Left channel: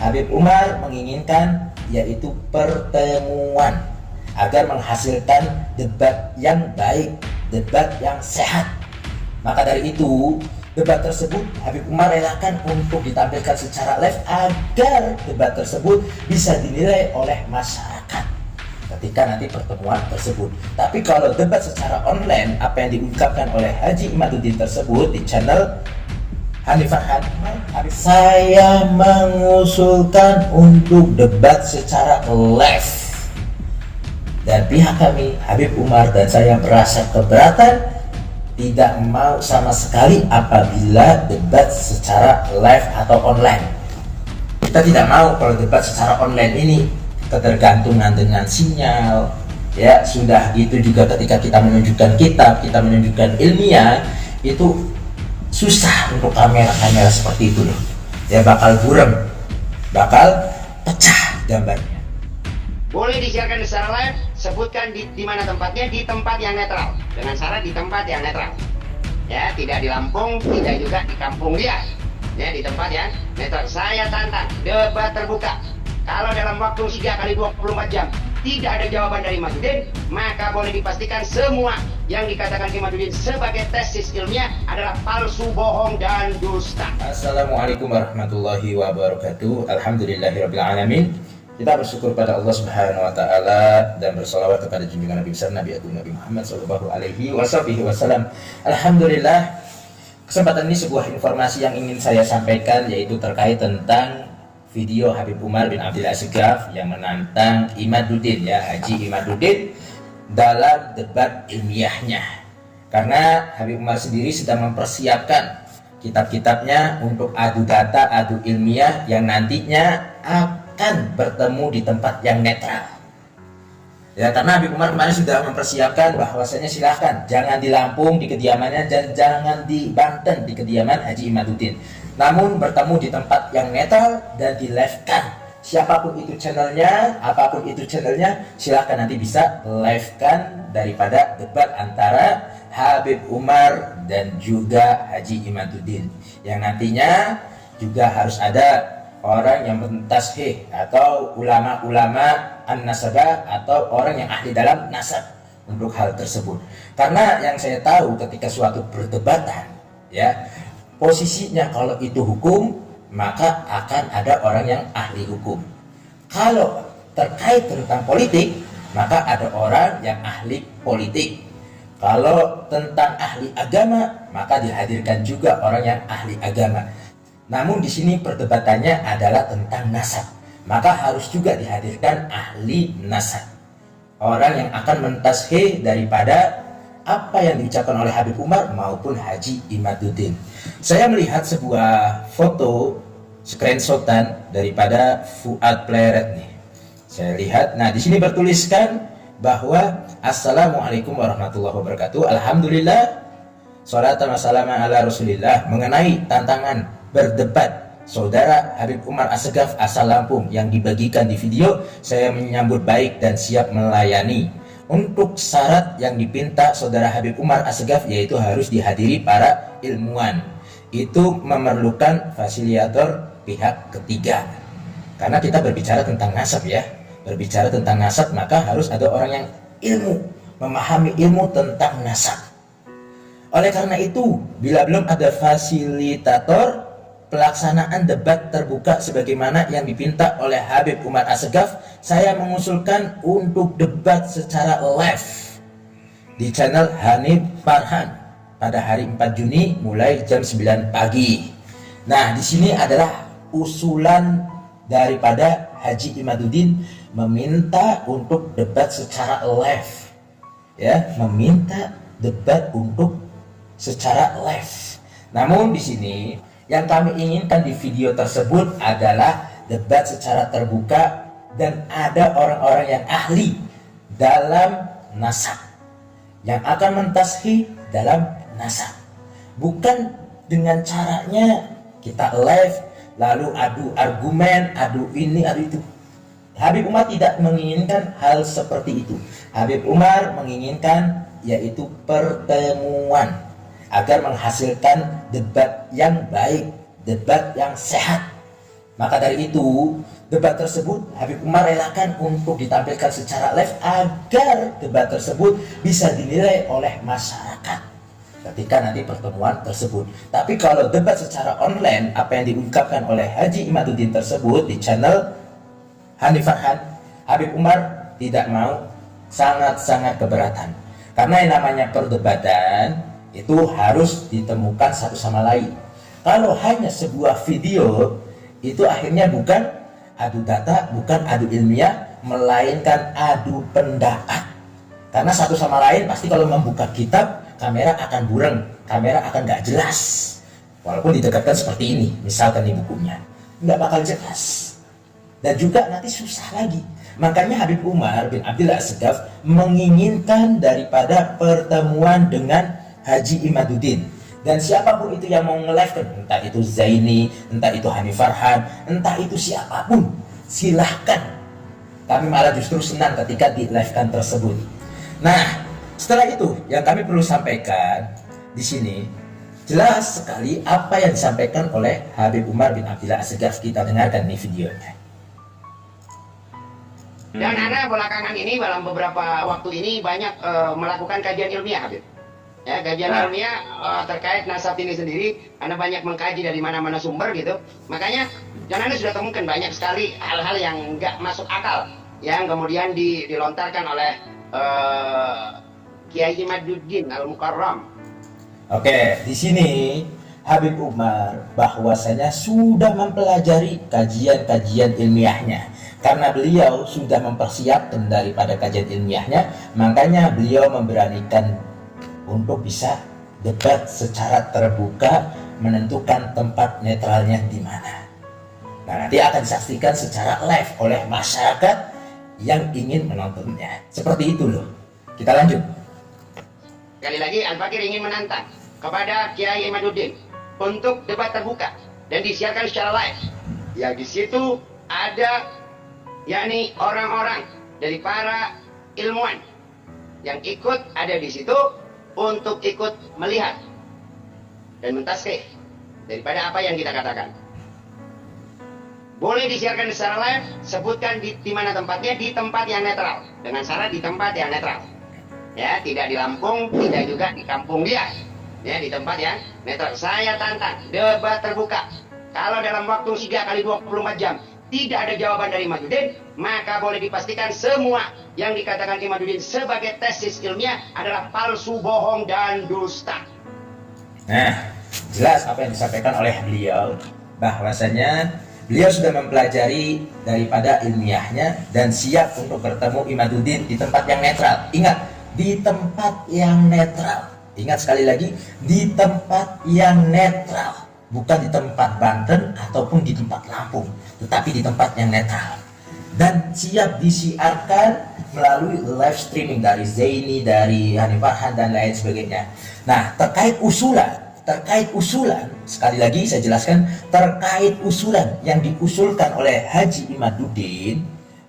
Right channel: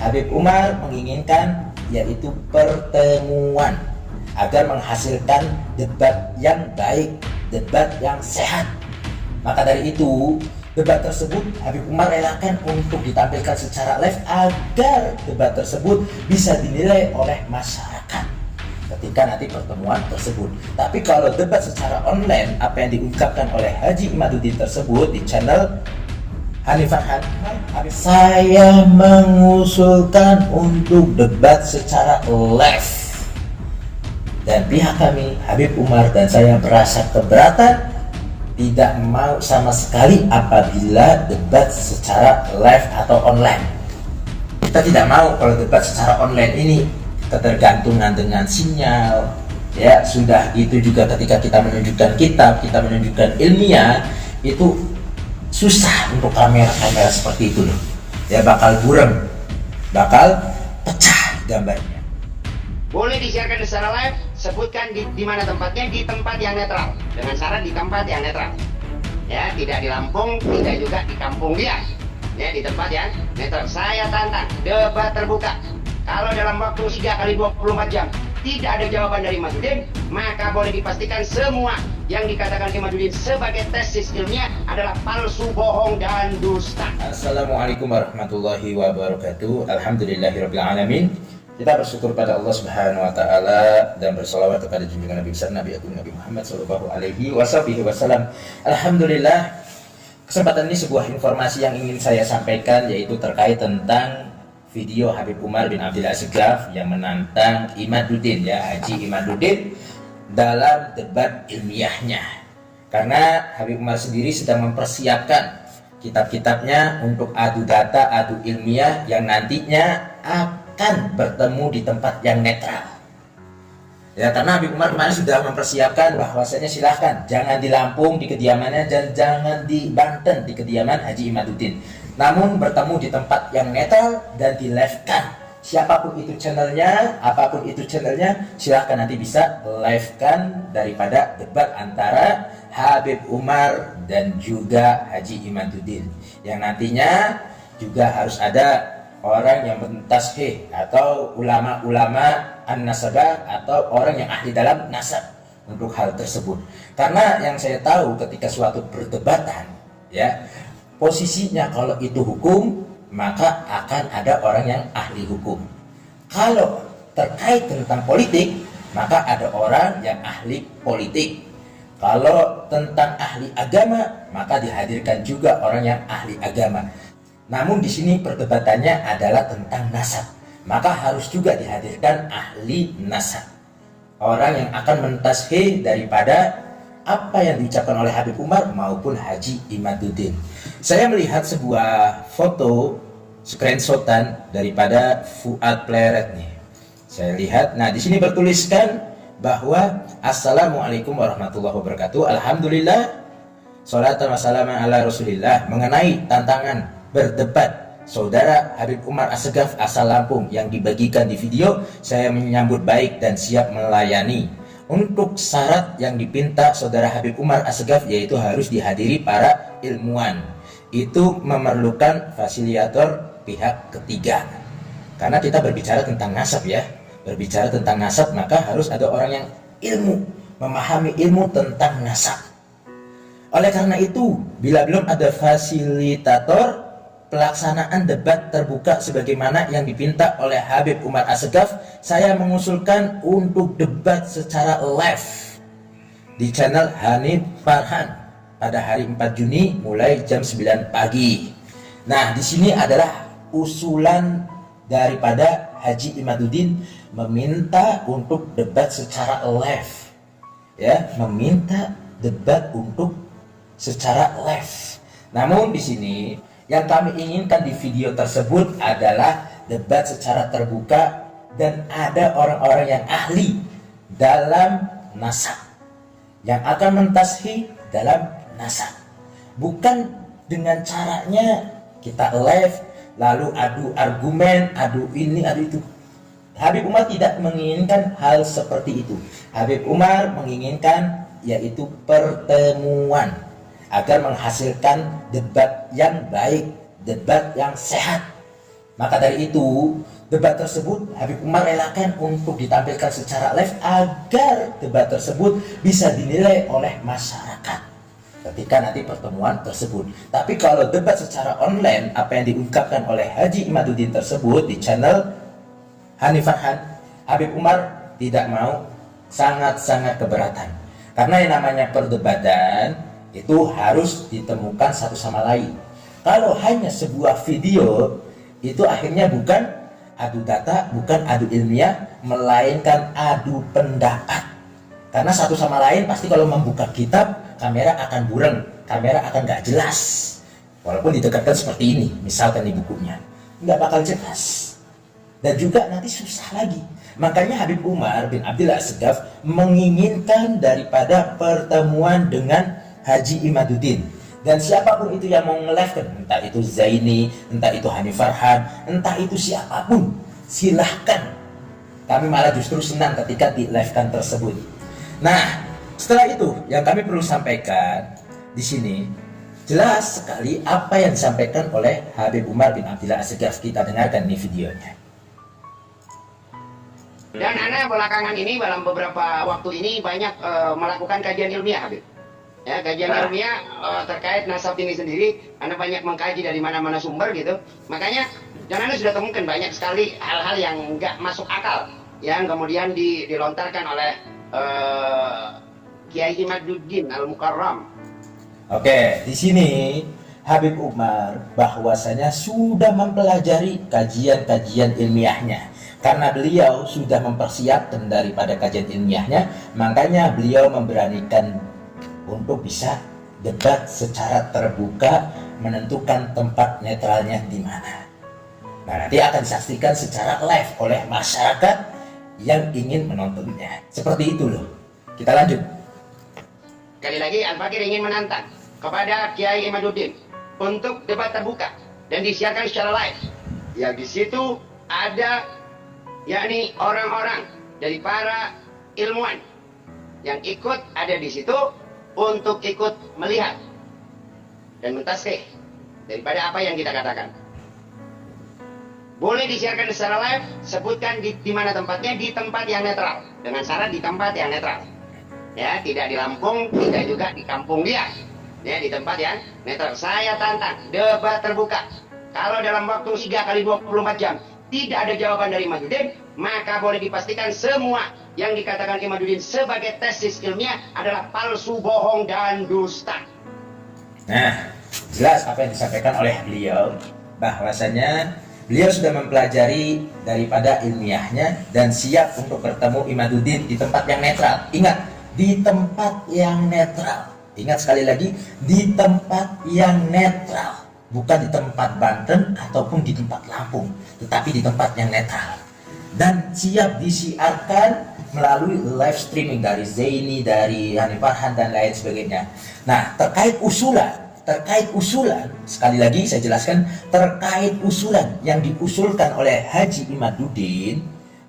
Habib Umar menginginkan yaitu pertemuan agar menghasilkan debat yang baik, debat yang sehat. Maka dari itu, debat tersebut Habib Umar relakan untuk ditampilkan secara live agar debat tersebut bisa dinilai oleh masyarakat ketika nanti pertemuan tersebut. Tapi kalau debat secara online, apa yang diungkapkan oleh Haji Imaduddin tersebut di channel Hanif Farhan, saya mengusulkan untuk debat secara live. Dan pihak kami, Habib Umar dan saya merasa keberatan, tidak mau sama sekali apabila debat secara live atau online. Kita tidak mau kalau debat secara online ini ketergantungan dengan sinyal. Ya, sudah gitu juga ketika kita menunjukkan kitab, kita menunjukkan ilmiah, itu susah untuk kamera-kamera seperti itu loh. Ya bakal burem, bakal pecah gambarnya. Boleh disiarkan secara live, sebutkan di mana tempatnya, di tempat yang netral. Dengan syarat di tempat yang netral. Ya, tidak di Lampung, tidak juga di kampung dia. Ya, di tempat yang netral. Saya tantang debat terbuka. Kalau dalam waktu 3 kali 24 jam tidak ada jawaban dari Imaduddin, maka boleh dipastikan semua yang dikatakan Imaduddin sebagai tesis ilmiah adalah palsu, bohong, dan dusta. Assalamualaikum warahmatullahi wabarakatuh. Alhamdulillahirabbil alamin. Kita bersyukur pada Allah Subhanahu wa taala dan bersalawat kepada junjungan Nabi besar Nabi Agung Nabi Muhammad sallallahu alaihi wasallam. Alhamdulillah, kesempatan ini sebuah informasi yang ingin saya sampaikan, yaitu terkait tentang video Habib Umar bin Abdul Asgaf yang menantang Imaduddin, ya, Haji Imaduddin dalam debat ilmiahnya. Karena Habib Umar sendiri sedang mempersiapkan kitab-kitabnya untuk adu data, adu ilmiah yang nantinya akan bertemu di tempat yang netral. Ya, karena Habib Umar kemarin sudah mempersiapkan bahwasanya silahkan jangan di Lampung di kediamannya dan jangan di Banten di kediaman Haji Imaduddin, namun bertemu di tempat yang netral dan di live-kan. Siapapun itu channelnya, apapun itu channelnya, silahkan nanti bisa live-kan daripada debat antara Habib Umar dan juga Haji Imaduddin, yang nantinya juga harus ada orang yang mentashih atau ulama-ulama an-nasabah atau orang yang ahli dalam nasab untuk hal tersebut. Karena yang saya tahu ketika suatu perdebatan, ya, posisinya kalau itu hukum, maka akan ada orang yang ahli hukum. Kalau terkait tentang politik, maka ada orang yang ahli politik. Kalau tentang ahli agama, maka dihadirkan juga orang yang ahli agama. Namun di sini perdebatannya adalah tentang nasab, maka harus juga dihadirkan ahli nasab, orang yang akan mentashih daripada apa yang diucapkan oleh Habib Umar maupun Haji Imaduddin. Saya melihat sebuah foto screenshotan daripada Fuad Pleret nih. Saya lihat, nah di sini bertuliskan bahwa Assalamualaikum warahmatullahi wabarakatuh. Alhamdulillah, sholatan wassalamu ala rasulillah, mengenai tantangan berdebat Saudara Habib Umar Asgaf asal Lampung yang dibagikan di video, saya menyambut baik dan siap melayani. Untuk syarat yang dipinta Saudara Habib Umar Asgaf yaitu harus dihadiri para ilmuwan. Itu memerlukan fasilitator pihak ketiga. Karena kita berbicara tentang nasab, ya. Berbicara tentang nasab, maka harus ada orang yang ilmu, memahami ilmu tentang nasab. Oleh karena itu, bila belum ada fasilitator pelaksanaan debat terbuka sebagaimana yang dipinta oleh Habib Umar Asgaf, saya mengusulkan untuk debat secara live di channel Hanif Farhan pada hari 4 Juni mulai jam 9 pagi. Nah, di sini adalah usulan daripada Haji Imaduddin meminta untuk debat secara live. Ya, meminta debat untuk secara live. Namun di sini yang kami inginkan di video tersebut adalah debat secara terbuka dan ada orang-orang yang ahli dalam nasab yang akan mentashih dalam nasab. Bukan dengan caranya kita live lalu adu argumen, adu ini, adu itu. Habib Umar tidak menginginkan hal seperti itu. Habib Umar menginginkan yaitu pertemuan agar menghasilkan debat yang baik, debat yang sehat. Maka dari itu, debat tersebut Habib Umar relakan untuk ditampilkan secara live agar debat tersebut bisa dinilai oleh masyarakat ketika nanti pertemuan tersebut. Tapi kalau debat secara online, apa yang diungkapkan oleh Haji Imaduddin tersebut di channel Hanif Farhan, Habib Umar tidak mau, sangat-sangat keberatan. Karena yang namanya perdebatan itu harus ditemukan satu sama lain. Kalau hanya sebuah video, itu akhirnya bukan adu data, bukan adu ilmiah, melainkan adu pendapat. Karena satu sama lain pasti kalau membuka kitab, kamera akan burem, kamera akan gak jelas. Walaupun didekatkan seperti ini, misalkan di bukunya, nggak bakal jelas. Dan juga nanti susah lagi. Makanya Habib Umar bin Abdillah As-Segaf menginginkan daripada pertemuan dengan Haji Imaduddin. Dan siapapun itu yang mau nge-live, entah itu Zaini, entah itu Hanif Farhan, entah itu siapapun, silahkan. Kami malah justru senang ketika di-live-kan tersebut. Nah, setelah itu yang kami perlu sampaikan di sini, jelas sekali apa yang disampaikan oleh Habib Umar bin Abdillah As-Segaf. Kita dengarkan nih videonya. Dan Ana belakangan ini dalam beberapa waktu ini banyak melakukan kajian ilmiah, Habib. Ya, kajian ilmiah terkait nasab ini sendiri, Anda banyak mengkaji dari mana-mana sumber gitu. Makanya, dan Anda sudah temukan banyak sekali hal-hal yang nggak masuk akal, yang kemudian dilontarkan oleh Kiai Imaduddin Al-Mukarram. Oke, di sini Habib Umar bahwasanya sudah mempelajari kajian-kajian ilmiahnya. Karena beliau sudah mempersiapkan daripada kajian ilmiahnya, makanya beliau memberanikan untuk bisa debat secara terbuka, menentukan tempat netralnya di mana. Nah, nanti akan disaksikan secara live oleh masyarakat yang ingin menontonnya. Seperti itu loh. Kita lanjut. Sekali lagi, Al-Fakir ingin menantang kepada Kiai Imaduddin untuk debat terbuka dan disiarkan secara live. Yang di situ ada yakni orang-orang dari para ilmuwan yang ikut ada di situ untuk ikut melihat dan mentaskhih daripada apa yang kita katakan. Boleh disiarkan secara live, sebutkan di mana tempatnya, di tempat yang netral. Dengan syarat di tempat yang netral. Ya, tidak di Lampung, tidak juga di kampung dia. Ya, di tempat yang netral. Saya tantang, debat terbuka. Kalau dalam waktu 3 kali 24 jam tidak ada jawaban dari Imaduddin, maka boleh dipastikan semua yang dikatakan Imaduddin sebagai tesis ilmiah adalah palsu, bohong, dan dusta. Nah, jelas apa yang disampaikan oleh beliau, bahwasanya beliau sudah mempelajari daripada ilmiahnya dan siap untuk bertemu Imaduddin di tempat yang netral. Ingat, di tempat yang netral. Ingat sekali lagi, di tempat yang netral. Bukan di tempat Banten ataupun di tempat Lampung, tetapi di tempat yang netral. Dan siap disiarkan melalui live streaming dari Zaini, dari Hanif Farhan, dan lain sebagainya. Nah, terkait usulan, sekali lagi saya jelaskan, terkait usulan yang diusulkan oleh Haji Imaduddin,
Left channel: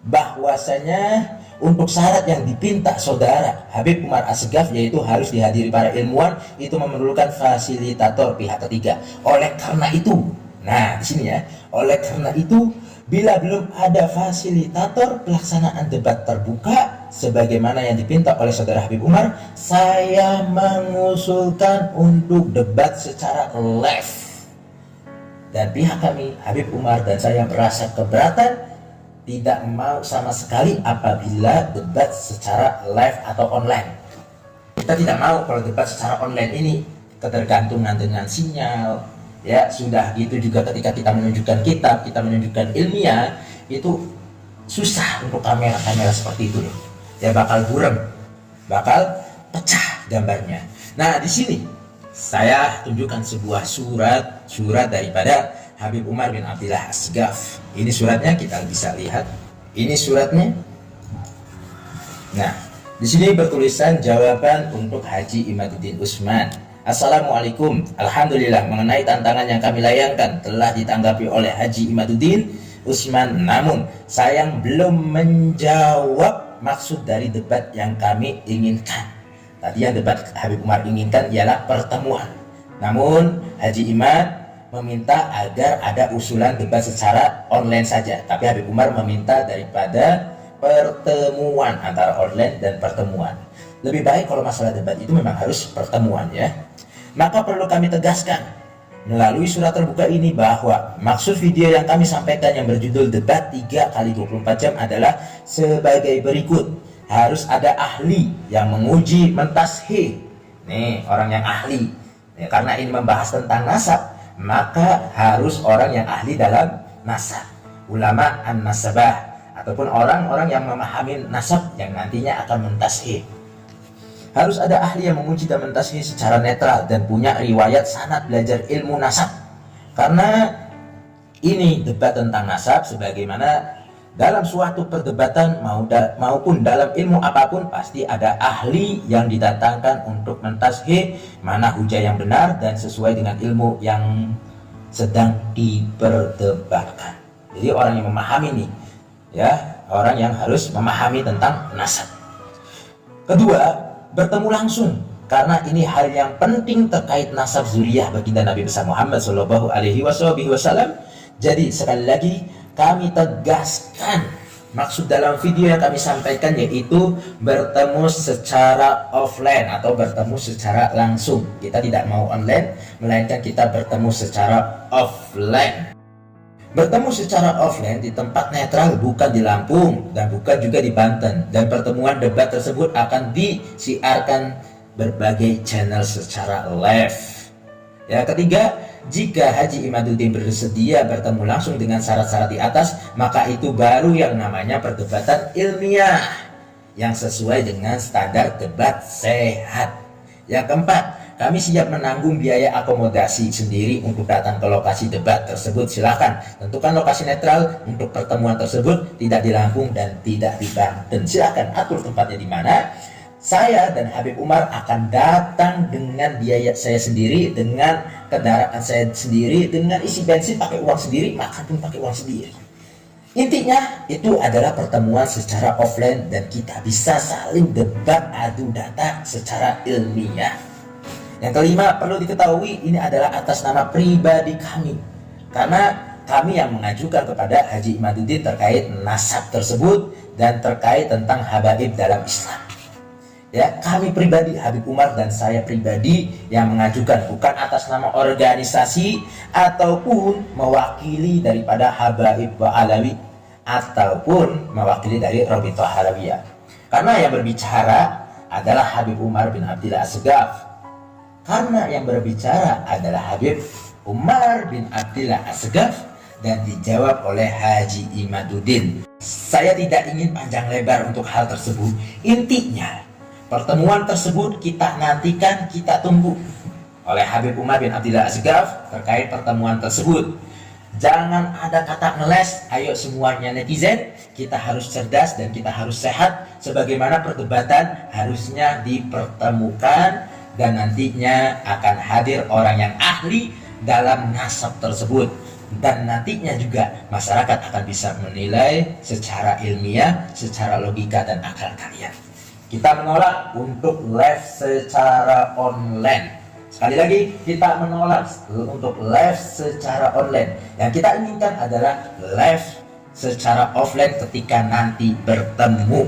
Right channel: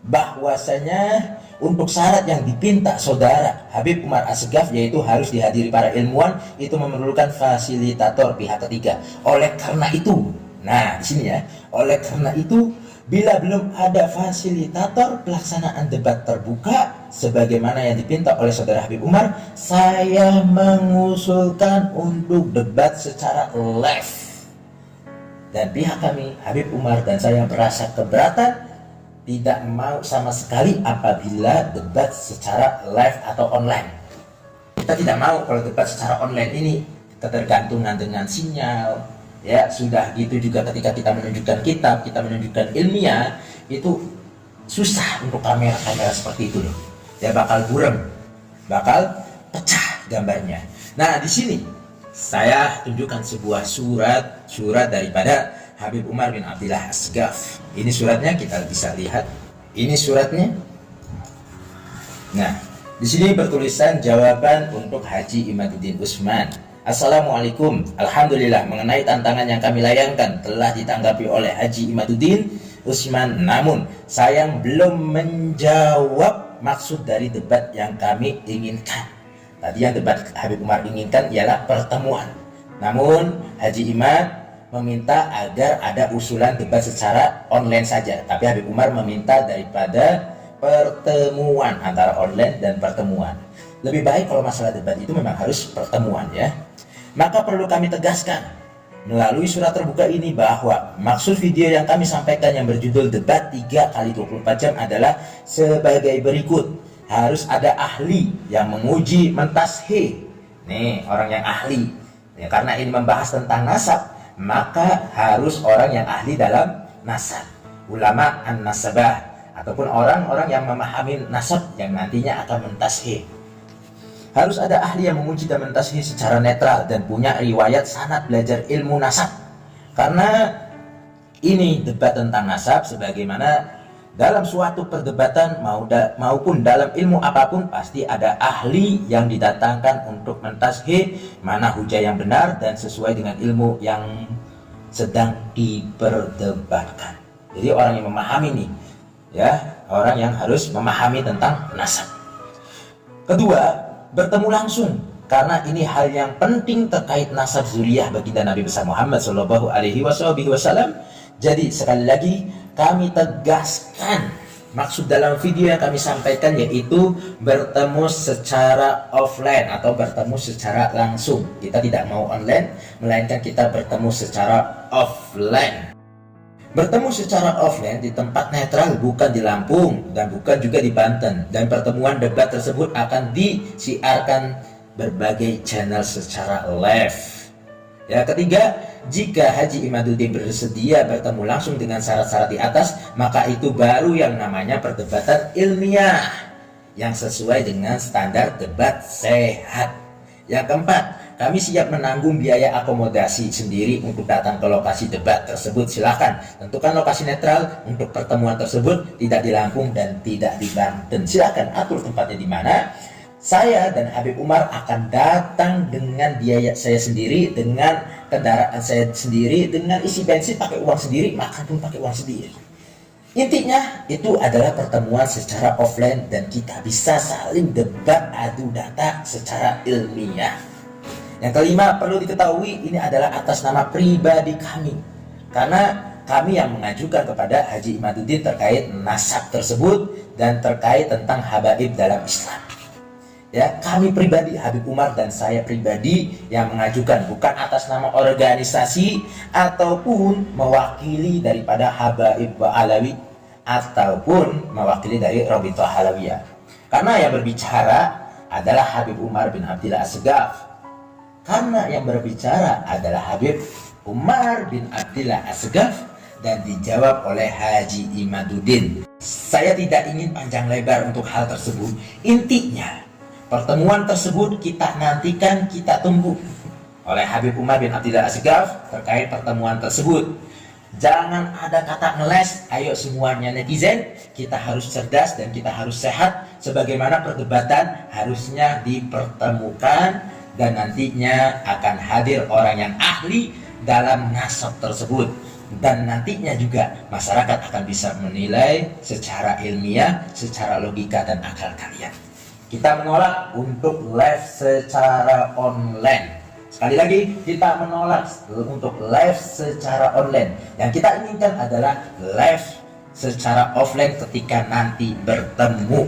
bahwasanya untuk syarat yang dipinta saudara Habib Umar As-Segaf, yaitu harus dihadiri para ilmuwan, itu memerlukan fasilitator pihak ketiga. Oleh karena itu, nah di sini ya, oleh karena itu, bila belum ada fasilitator pelaksanaan debat terbuka sebagaimana yang dipinta oleh saudara Habib Umar, saya mengusulkan untuk debat secara live. Dan pihak kami, Habib Umar dan saya, merasa keberatan, tidak mau sama sekali apabila debat secara live atau online. Kita tidak mau kalau debat secara online ini ketergantungan dengan sinyal. Ya, sudah gitu juga ketika kita menunjukkan kitab, kita menunjukkan ilmiah, itu susah untuk kamera-kamera seperti itu loh. Ya bakal burem, bakal pecah gambarnya. Nah, di sini saya tunjukkan sebuah surat daripada Habib Umar bin Abdillah As-Segaf. Ini suratnya, kita bisa lihat. Ini suratnya. Nah, di sini bertulisan jawaban untuk Haji Imaduddin Usman. Assalamualaikum. Alhamdulillah, mengenai tantangan yang kami layangkan telah ditanggapi oleh Haji Imaduddin Usman. Namun, sayang belum menjawab maksud dari debat yang kami inginkan. Tadi yang debat Habib Umar inginkan ialah pertemuan. Namun, Haji Imad meminta agar ada usulan debat secara online saja, tapi Habib Umar meminta daripada pertemuan antara online dan pertemuan. Lebih baik kalau masalah debat itu memang harus pertemuan ya. Maka perlu kami tegaskan melalui surat terbuka ini bahwa maksud video yang kami sampaikan yang berjudul debat 3 kali 24 jam adalah sebagai berikut. Harus ada ahli yang menguji mentashih. Nih, orang yang ahli. Ya, karena ini membahas tentang nasab, maka harus orang yang ahli dalam nasab, ulama an-nasabah, ataupun orang-orang yang memahami nasab yang nantinya akan mentashih. Harus ada ahli yang menguji dan mentashih secara netral dan punya riwayat sanad belajar ilmu nasab. Karena ini debat tentang nasab, sebagaimana dalam suatu perdebatan maupun dalam ilmu apapun pasti ada ahli yang didatangkan untuk mentashih mana hujah yang benar dan sesuai dengan ilmu yang sedang diperdebatkan. Jadi orang yang memahami nih, ya, orang yang harus memahami tentang nasab. Kedua, bertemu langsung, karena ini hal yang penting terkait nasab zuriyah baginda Nabi besar Muhammad Shallallahu Alaihi Wasallam. Jadi sekali lagi kami tegaskan maksud dalam video yang kami sampaikan yaitu bertemu secara offline atau bertemu secara langsung. Kita tidak mau online, melainkan kita bertemu secara offline. Bertemu secara offline di tempat netral, bukan di Lampung dan bukan juga di Banten. Dan pertemuan debat tersebut akan disiarkan berbagai channel secara live. Ya, ketiga, jika Haji Imaduddin bersedia bertemu langsung dengan syarat-syarat di atas, maka itu baru yang namanya perdebatan ilmiah yang sesuai dengan standar debat sehat. Yang keempat, kami siap menanggung biaya akomodasi sendiri untuk datang ke lokasi debat tersebut. Silahkan tentukan lokasi netral untuk pertemuan tersebut, tidak di Lampung dan tidak di Banten. Silahkan atur tempatnya di mana. Saya dan Habib Umar akan datang dengan biaya saya sendiri, dengan kendaraan saya sendiri, dengan isi bensin pakai uang sendiri, makan pun pakai uang sendiri. Intinya itu adalah pertemuan secara offline dan kita bisa saling debat adu data secara ilmiah. Yang kelima, perlu diketahui ini adalah atas nama pribadi kami, karena kami yang mengajukan kepada Haji Imaduddin terkait nasab tersebut dan terkait tentang habaib dalam Islam. Ya, kami pribadi, Habib Umar dan saya pribadi yang mengajukan, bukan atas nama organisasi ataupun mewakili daripada Habaib Alawi ataupun mewakili dari Robitoh Halawiyah. Karena yang berbicara adalah Habib Umar bin Abdillah As-Segaf. Karena yang berbicara adalah Habib Umar bin Abdillah As-Segaf dan dijawab oleh Haji Imaduddin. Saya tidak ingin panjang lebar untuk hal tersebut. Intinya, pertemuan tersebut kita nantikan, kita tunggu oleh Habib Umar bin Abdillah As-Segaf terkait pertemuan tersebut. Jangan ada kata ngeles, ayo semuanya netizen, kita harus cerdas dan kita harus sehat. Sebagaimana perdebatan harusnya dipertemukan dan nantinya akan hadir orang yang ahli dalam nasab tersebut. Dan nantinya juga masyarakat akan bisa menilai secara ilmiah, secara logika dan akal kalian. Kita menolak untuk live secara online. Sekali lagi, kita menolak untuk live secara online. Yang kita inginkan adalah live secara offline ketika nanti bertemu.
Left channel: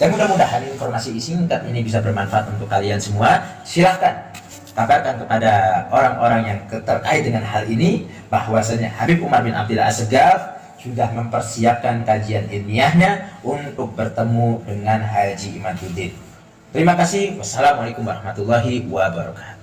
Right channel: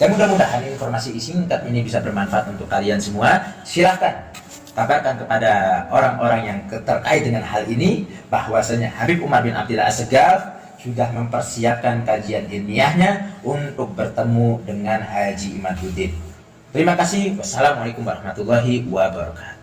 Dan mudah-mudahan informasi singkat ini bisa bermanfaat untuk kalian semua. Silahkan kabarkan kepada orang-orang yang terkait dengan hal ini bahwasanya Habib Umar bin Abdillah As-Segaf sudah mempersiapkan kajian ilmiahnya untuk bertemu dengan Haji Imaduddin. Terima kasih. Wassalamualaikum warahmatullahi wabarakatuh.